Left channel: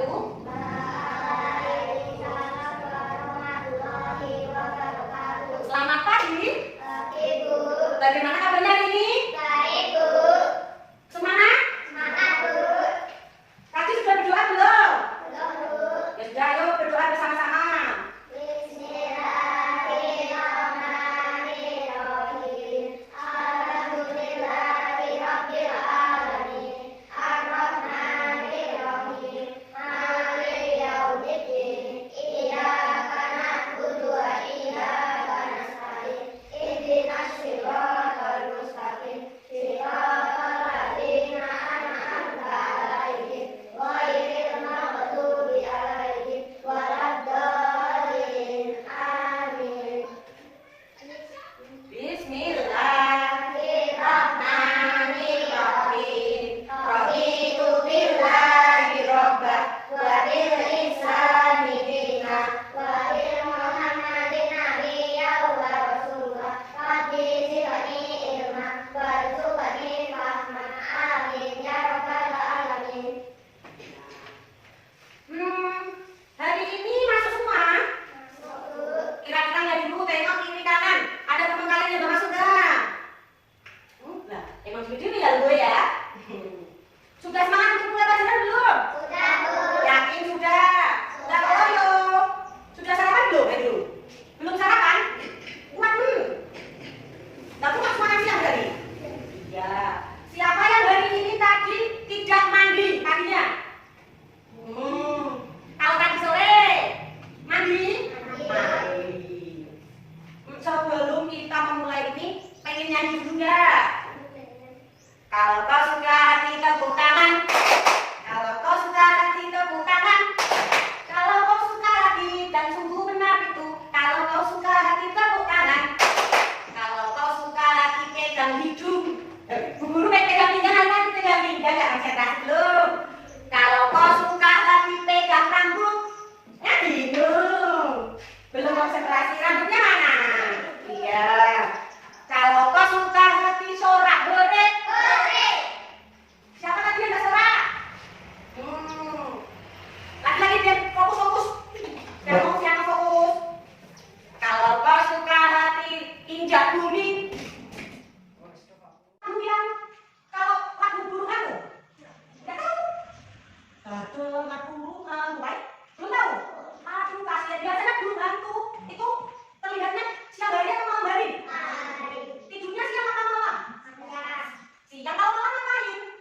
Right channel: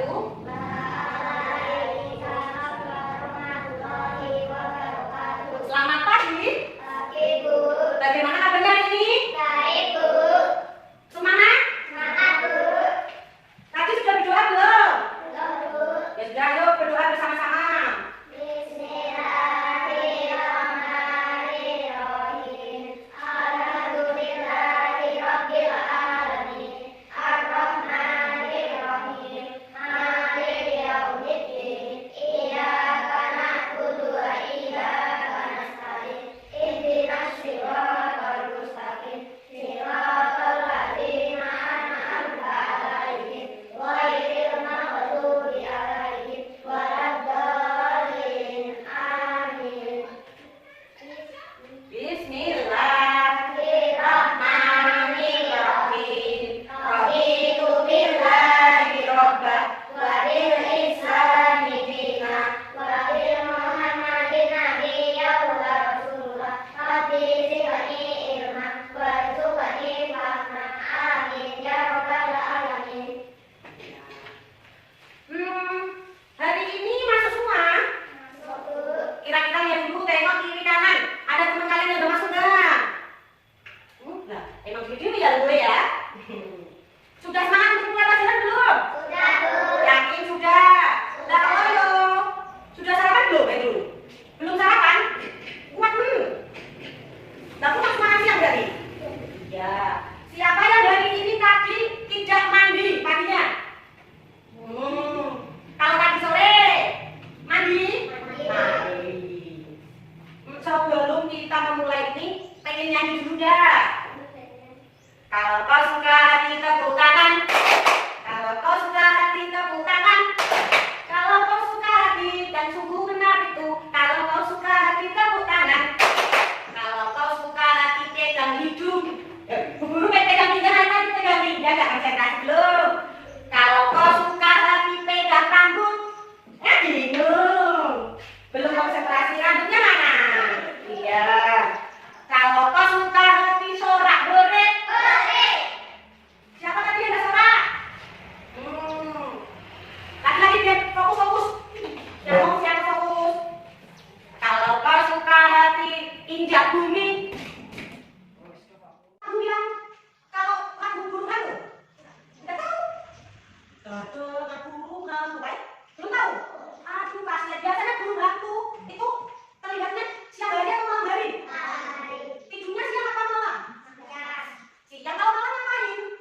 wabarakatuh. Selamat pagi. Pagi, Bu. Bagaimana kabarnya hari ini? Baik, Bu. Semangat? Semangat, Bu. Tadi sudah berdoa belum? Belum, Bu. Ya sudah, ayo berdoa bersama-sama. Bismillahirrahmanirrahim. Alhamdulillahirabbil alamin. Arrahmanirrahim. Maliki yaumiddin. Iyyaka na'budu wa iyyaka nasta'in. Ihdinas siratal mustaqim. Siratal ladzina an'amta 'alaihim ghairil maghdubi 'alaihim waladdallin. Amin. Bismillahirrahmanirrahim. Raditu billahi robba wa bil islami dina wa bil Muhammadin nabiyyan wa rasulah. Rabbi zidni ilma warzuqni fahma. Amin ya rabbal alamin. Hari ini masuk semua. Kira-kira ya dulu tengok kiri kanan. Ada teman kalian yang udah masuk nggak? Lah, emang gitu ya gue ya. Sudah semangat untuk mulai pelajaran belum? Sudah, Bu. Yakin sudah? Sudah kalau yo. Sudah sarapan belum itu? Belum sarapan? Kuat dulu. Tapi masuk makan siang dari? Ya. Siapa yang hari ini tadi tidak mandi paginya? Kalau pagi sore mandi? Mandi. Sebelum kita memulai ini, pengen nyanyi dulu nggak? Kalau kau suka hati tepuk tangan. Kalau kau suka hati tepuk tangan. Kalau kau suka hati dan sungguh benar itu. Kalau kau suka hati tepuk tangan. Kalau kau suka hati pegang hidung. Guru pegang hidung lagi pegang hidung nggak konsentrasi belum. Kalau kau suka hati pegang rambut. Ya bingung. Belum konsentrasi rambutnya mana? Iya. Kalau kau suka hati sorak beret. Siapa tadi yang nggak sorak? Lagi-lagi biar fokus-fokus. Yang fokus. Kalau kau suka hati injak bumi. Aku bilang kalau lagu burung kamu nggak tahu. Betul, lagu burung kamu baik. Belum tahu. Aduh kasihan. Biasanya burung hantu itu terlihatnya siang hari atau malam hari? Tidurnya siang atau malam? Siang. Kalau malam ngapain?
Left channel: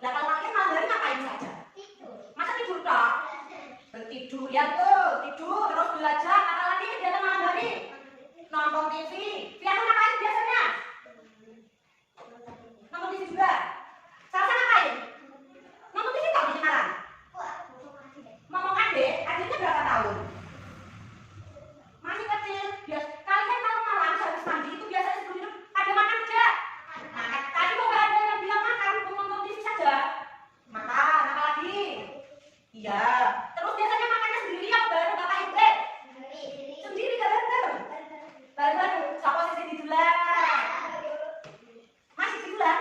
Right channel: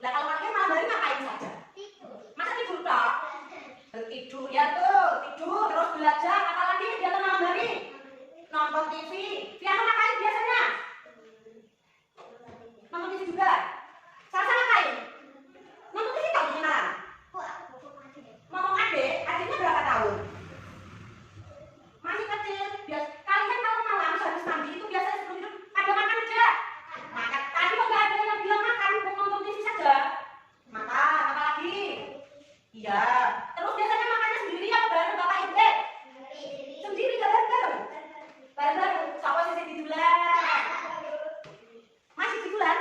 Nah kalau pakai malam hari ngapain saja? Masa tidur tak? Tidur ya tuh, tidur terus belajar. Apalagi dia malam hari nonton TV. Dia ngapain biasanya? Nonton TV juga. Selasa ngapain? Nonton TV tahu di malam. Ngomong adiknya berapa tahun? Masih kecil. Kalian kalau malam habis mandi itu biasanya sebelum tidur ada makan aja. Makan. Tadi kok nggak ada yang bilang makan, mau nonton TV saja. Makan, apa lagi? Iya. Terus biasanya makannya sendiri apa bareng bapak ibu? Sendiri bareng. Bareng. Siapa sih tiduran? Masih tiduran?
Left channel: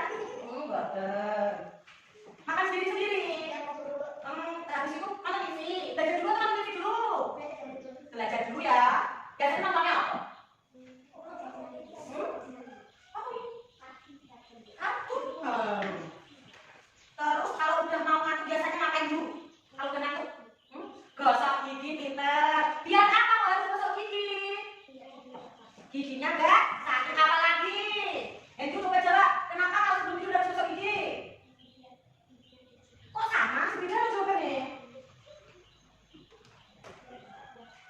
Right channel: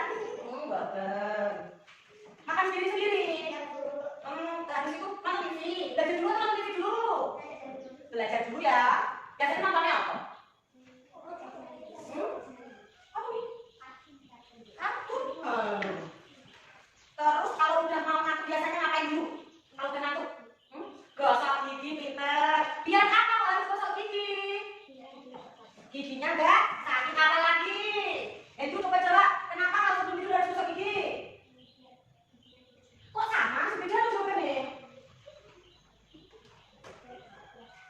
Bareng. Makan sendiri-sendiri. Habis itu nonton TV. Belajar dulu nonton TV dulu. Belajar dulu ya. Biasanya nontonnya apa? Apa nih? Kartun. Terus kalau udah mau ngantuk biasanya ngapain dulu? Kalau udah ngantuk? Gosok gigi pinter. Biar apa kalau harus gosok gigi? Giginya enggak sakit apa lagi? Itu coba kenapa kalau sebelum tidur harus gosok gigi? Kok sama? Beda jawabannya.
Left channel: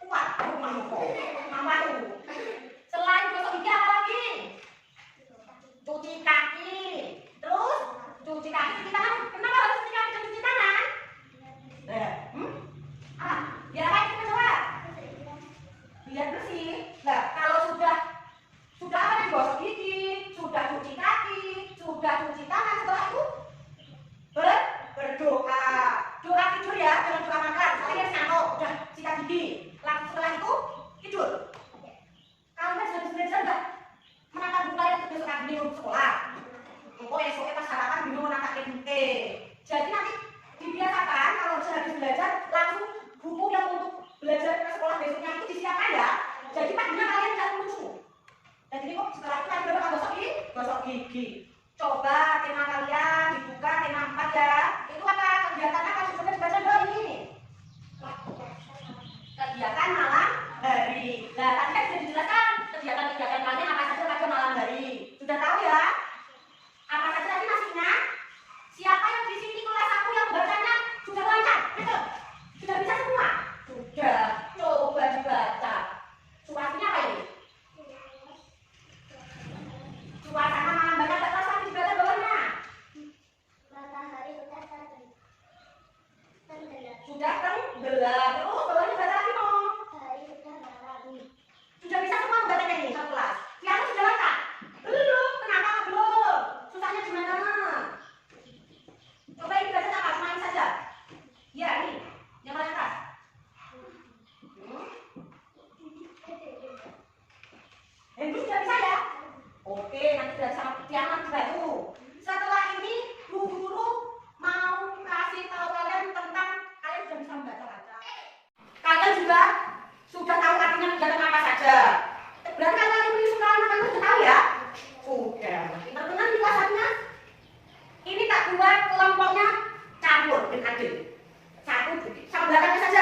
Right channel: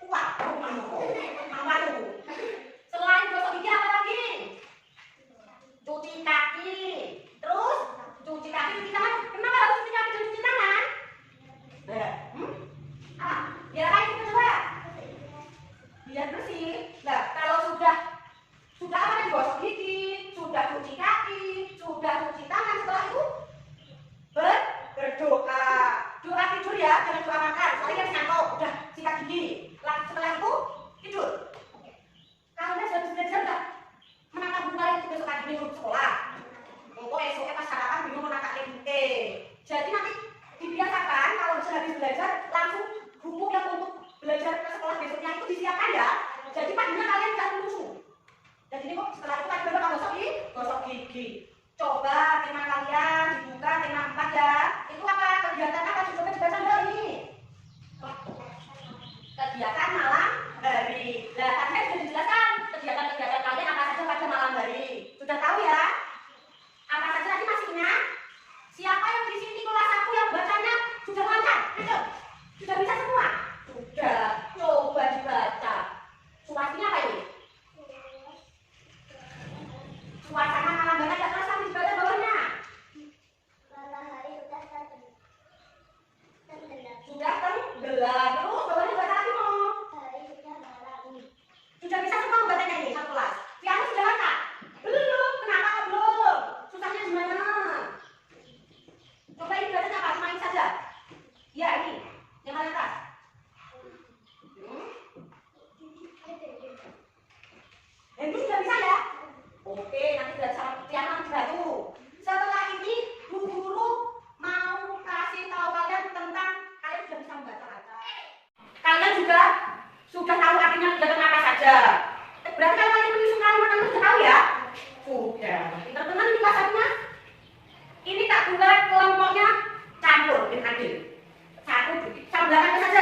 Waduh, malu. Selain gosok gigi apa lagi? Cuci kaki. Terus cuci kaki, cuci tangan. Kenapa harus cuci kaki dan cuci tangan? Apa? Biar apa itu coba? Biar bersih. Nah, kalau sudah apa tadi? Gosok gigi, sudah cuci kaki, sudah cuci tangan, setelah itu berdoa. Doa tidur ya, jangan doa makan. Kalian ngantuk, udah sikat gigi. Setelah itu tidur. Kalian sudah belajar nggak? Menatap buku kalian besok pagi minum sekolah. Engkau esoknya pas sarapan minum menatap buku. Jadi nanti dibiasakan kalau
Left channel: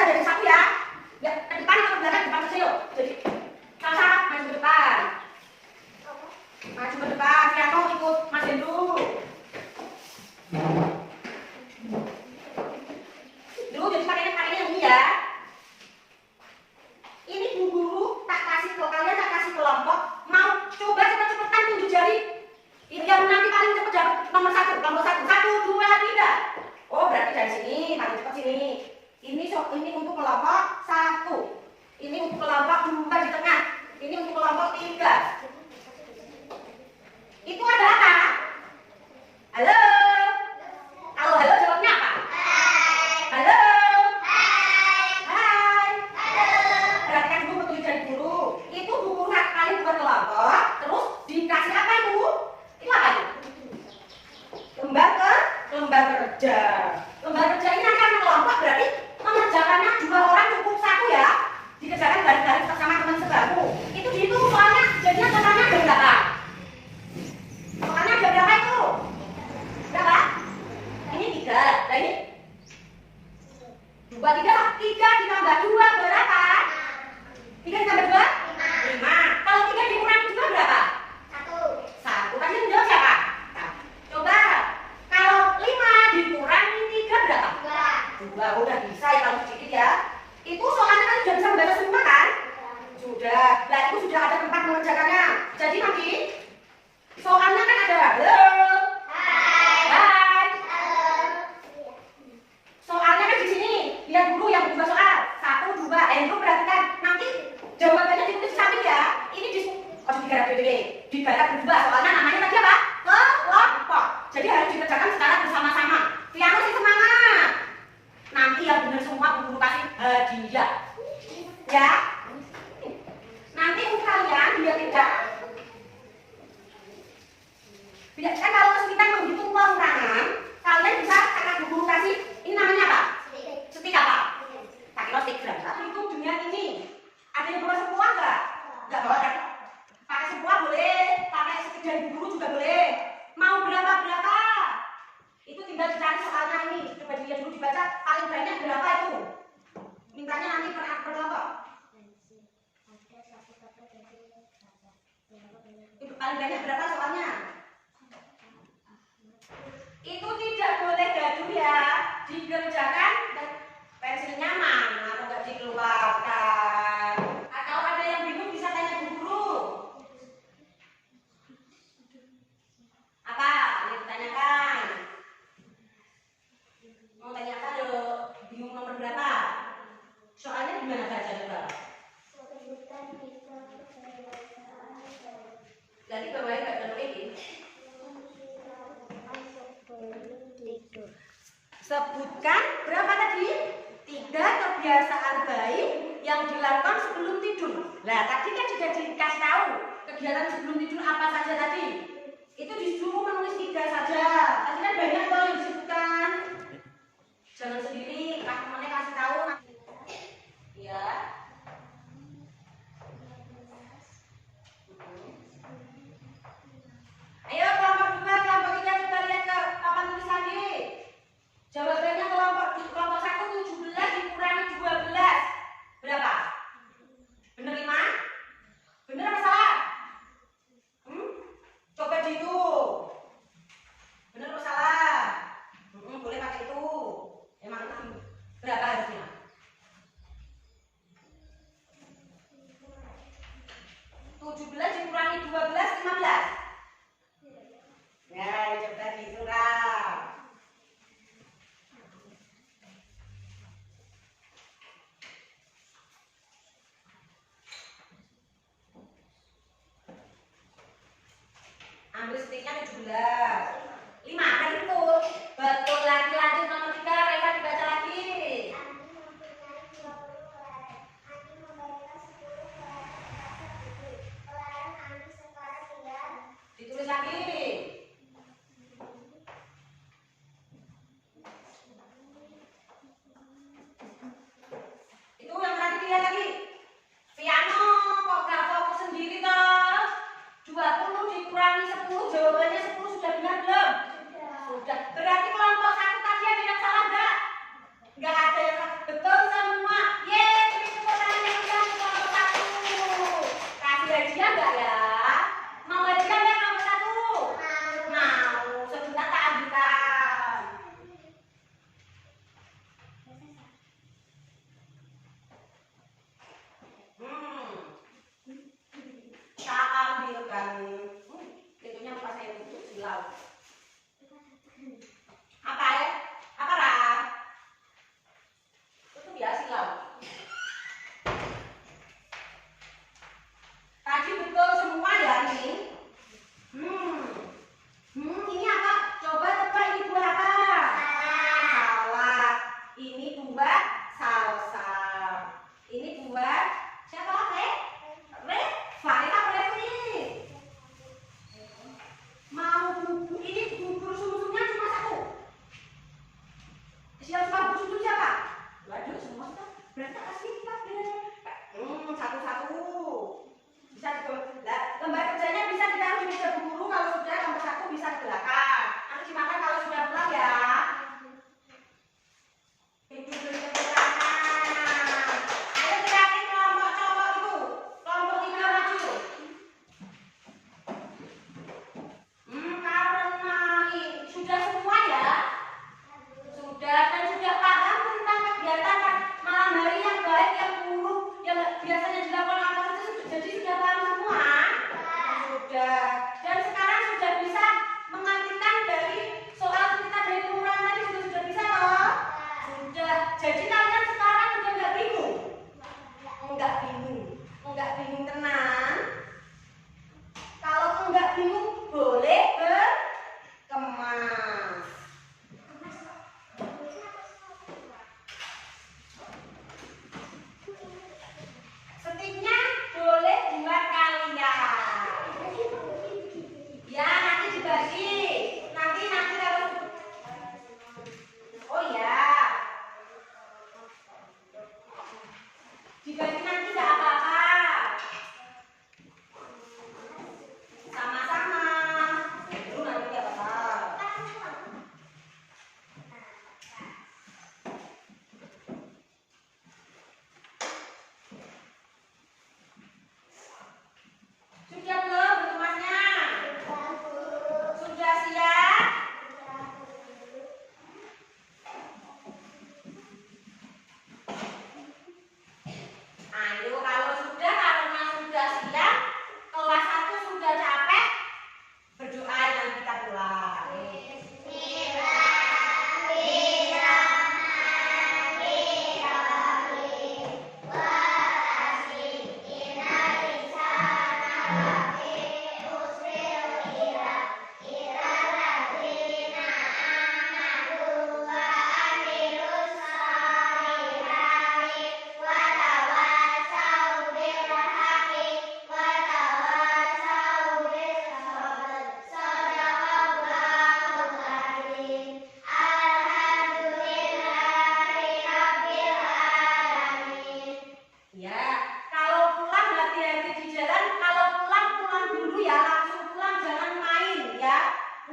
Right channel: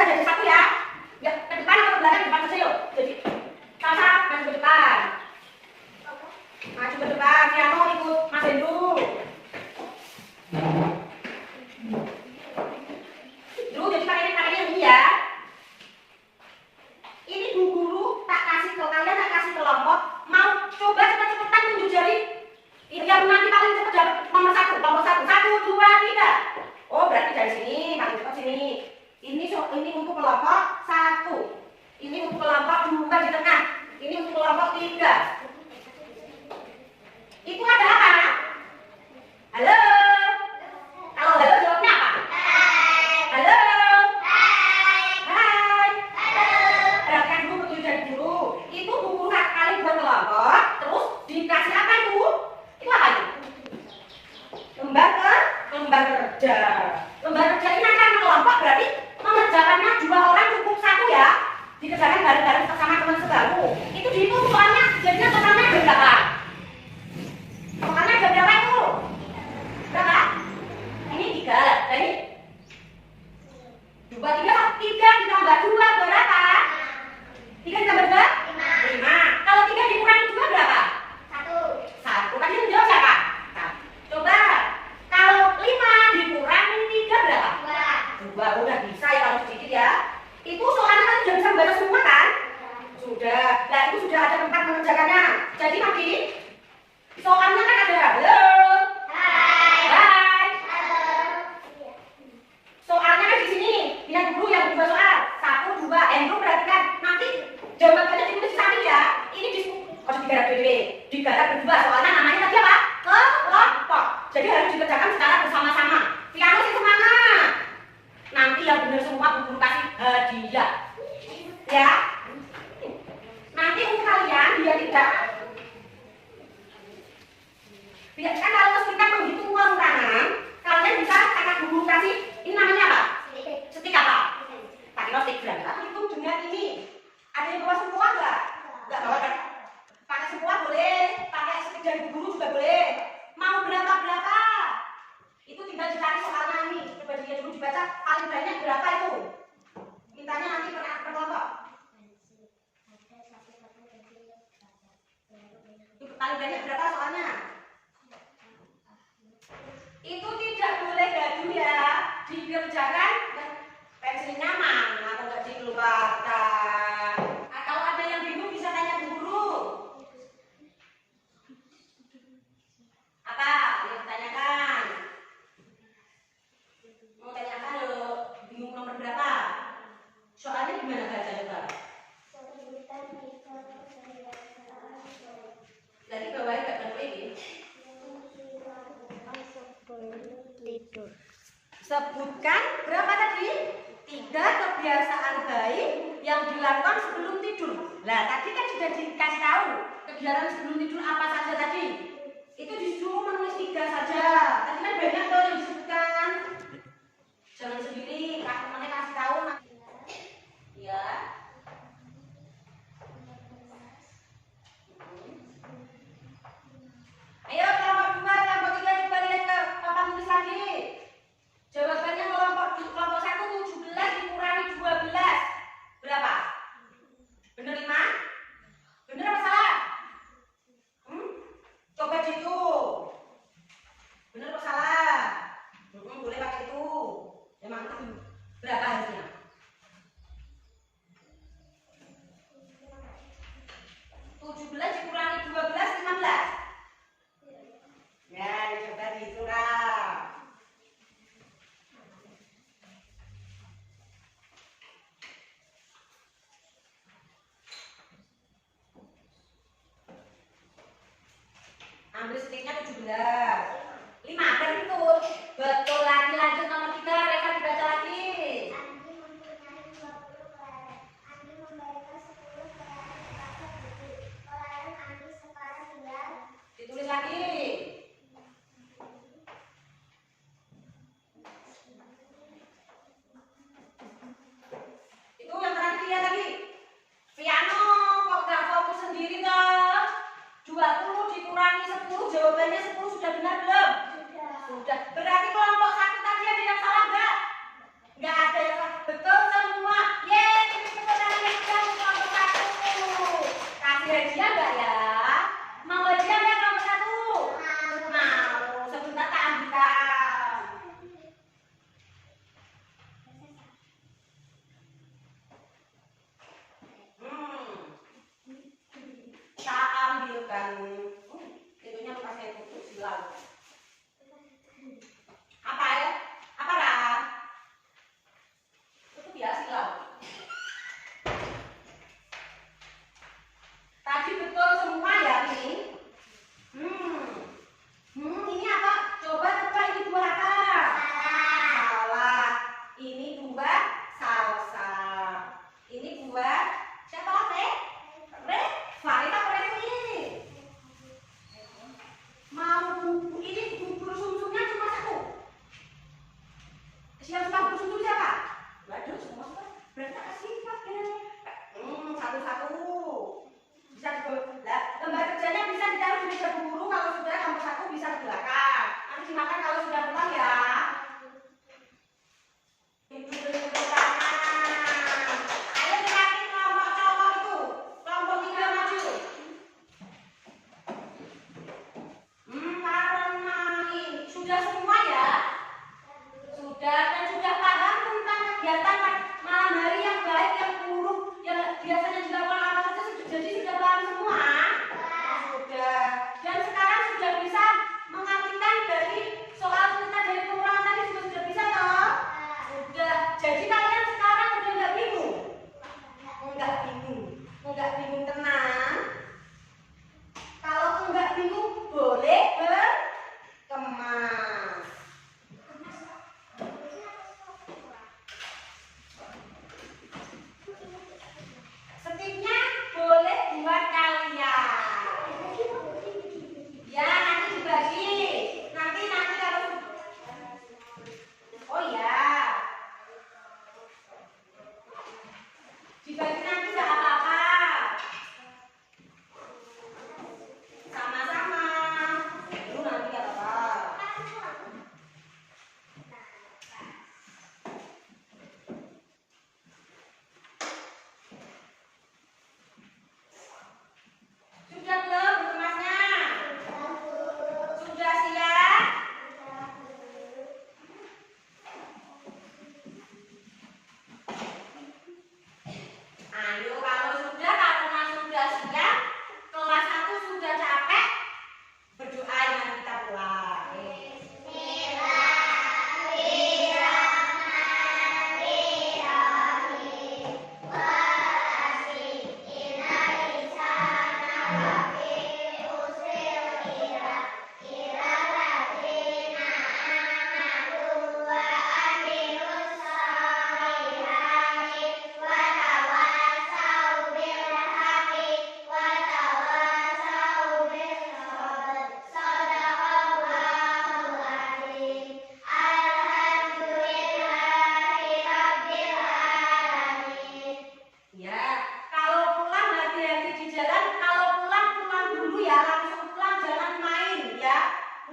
jadi satu ya. Ya, ke depan atau ke belakang, depan kecil. Jadi Salsa maju ke depan. Maju ke depan, Piano ikut Mas Hendru. Jadi pakainya ini ya. Ini Bu Guru tak kasih ke kalian, tak kasih kelompok. Mau coba cepet-cepetan tunjuk jari. Yang nanti paling cepet dapat nomor satu. 1, 2, 3. Oh berarti dari sini, masuk ke sini. Ini untuk kelompok 1. Ini untuk kelompok 2 di tengah. Ini untuk kelompok 3. Itu ada apa? Halo. Kalau halo jawabnya apa? Halo. Hai. Perhatikan dulu petunjuk dulu. Itu buku kali berkelompok. Terus dikasih apa itu? Itu apa itu? Lembar kerja. Lembar kerja ini nanti akan kelompok berarti mengerjakannya 2 orang cukup 1 ya. Dikerjakan bareng-bareng bersama teman sebangku. Itu dihitung soalnya jadinya totalnya ada berapa? Totalnya ada berapa itu? Berapa? Ini 3. Nah ini 2, 3 ditambah 2 berapa? 3 ditambah 2? 5. Kalau 3 dikurangi 2 berapa? 1. Tadi yang jawab siapa? Coba. Kalau 5 dikurangi 3 berapa? 2. Udah bisa ya kalau sedikit ya. Itu soalnya kan sudah bisa membaca semua kan? Sudah. Nah itu sudah ada tempat mengerjakannya. Jadi nanti soalnya kan ada halo. Hai. Soalnya kan di sini. Lihat dulu yang 2 soal. 1, 2. Itu perhatikan. Nanti jawabannya ditulis di samping ya. Ini digarap BDW. Digarap berdua. Soalnya namanya tadi apa? Kelompok. Jadi harus dikerjakan secara bersama-sama. Piano sih semangat. Nanti yang benar semua Bu Guru kasih hadiah. Ya. Nanti untuk kalian biar tidak. Biar kan kalau kesulitan menghitung ulang-ulangan, kalian bisa kakak Bu Guru kasih. Ini namanya apa? Setik apa? Taktilostigram. Itu dengan ini. Ada yang bawa semua enggak? Enggak bawa kan? Pakai semua boleh, pakai setik dari Bu Guru juga boleh. Mau berapa? Itu tinggal dicari soalnya ini. Coba dilihat dulu dibaca paling banyak berapa itu. Mintanya nanti per kelompok. Itu paling banyak berapa soalnya? Itu tidak boleh gaduh ya. Dikerjakan pensilnya mana? Aku nggak dikeluarkan. Kalau ada yang bingung bisa tanya Bu Guru. Apa? Yang ditanyakan? Mau tanyakan bingung nomor berapa? Soalnya gimana baca coba? Jadi bawain Mbak Nurul ini. Sebutkan berapa tadi? 3 kebiasaan baik yang dilakukan sebelum tidur. Nah tadi kan sudah dikasih tahu kegiatan sebelum tidur apa saja tadi. Itu disuruh menulis 3 saja. Tadi kan banyak tuh yang disebutkan. Jangan sendiri, teman-temannya kasih tahu. Ya. Ayo kelompok 2, kelompok 3 kita lihat ke papan tulis lagi. Jawabannya kelompok 1 17 dikurangi 12. Berapa? Bener 5? Bener apa salah? Coba dihitung. Bener apa salah?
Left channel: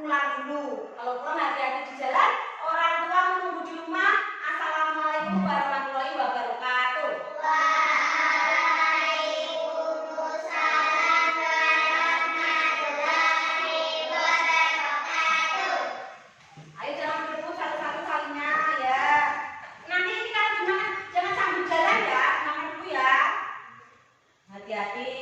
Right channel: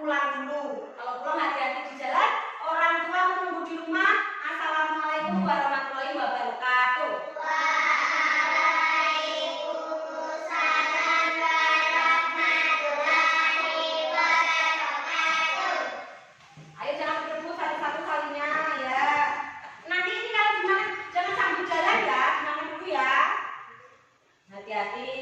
pulang dulu. Kalau pulang hati-hati di jalan. Orang tua menunggu di rumah. Assalamualaikum warahmatullahi wabarakatuh. Waalaikumsalam warahmatullahi wabarakatuh. Ayo jangan bertemu satu-satu kalinya ya. Nanti ini kalau semangat jangan sambil jalan ya, semangat dulu ya. Hati-hati.